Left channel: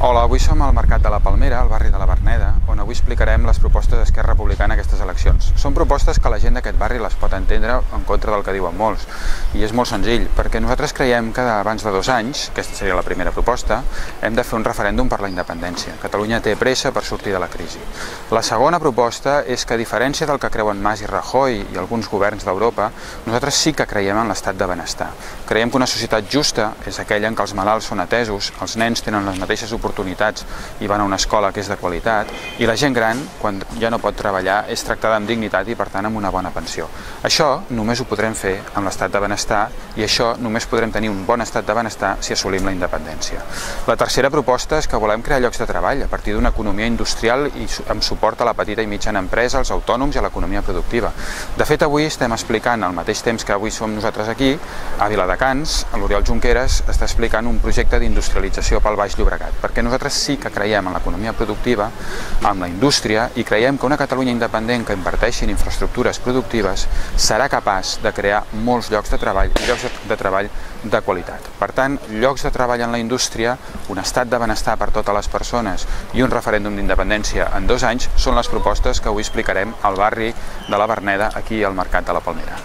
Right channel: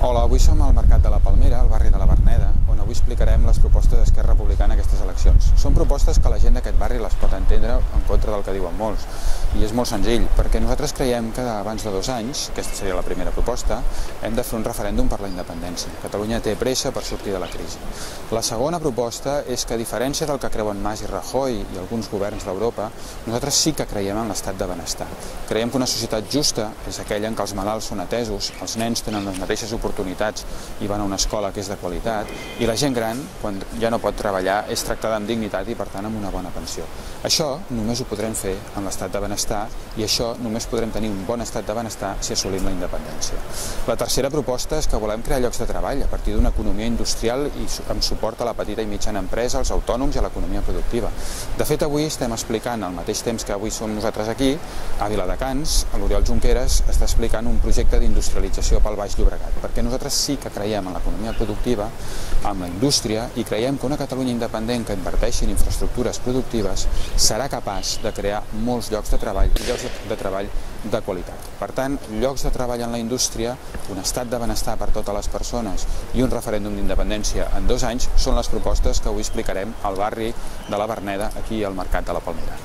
Hola, avui som al Mercat de la Palmera, al barri de la Verneda, on avui explicarem les propostes d'Esquerra Republicana a aquestes eleccions. Són propostes que la gent d'aquest barri les pot entendre en contra del que diuen molts. I és molt senzill, perquè nosaltres creiem que abans de 2 anys, aquesta seria la primera proposta, hem de fer un referèndum per la independència. Catalunya té pressa per sortir de la crisi. La segona proposta és que, a diferència del que creuen Mas i Rajoy i alguns governs d'Europa, nosaltres sí que creiem en l'estat de benestar. Creiem que una societat justa és aquella en què els malalts són atesos, els nens tenen les mateixes oportunitats i van a una escola que és de qualitat, i la gent gran, quan ja no pot treballar, és tractada amb dignitat i, per tant, amb una bona pensió. Això només ho podrem fer amb l'estat de benestar, i això només podrem tenir un bon estat de benestar si assolim la independència. La tercera proposta és que volem crear llocs de treball a partir d'una economia industrial i amb suport a la petita i mitjana empresa, als autònoms i a l'economia productiva. De fet, avui estem explicant, al mateix temps que avui som nosaltres aquí, a Viladecans, l'Oriol Junqueras està explicant un projecte d'industrialització pel Baix Llobregat, perquè nosaltres sí que creiem en l'economia productiva, en la indústria, i creiem que una Catalunya independent que inverteixi en infraestructures productives serà capaç de crear molts llocs de treball, i llocs de treball de qualitat. Per tant, llocs de treball en la indústria, un estat de benestar per totes les persones i un referèndum d'independència en 2 anys són les propostes que avui explicarem al barri de la Verneda, aquí al Mercat de la Palmera.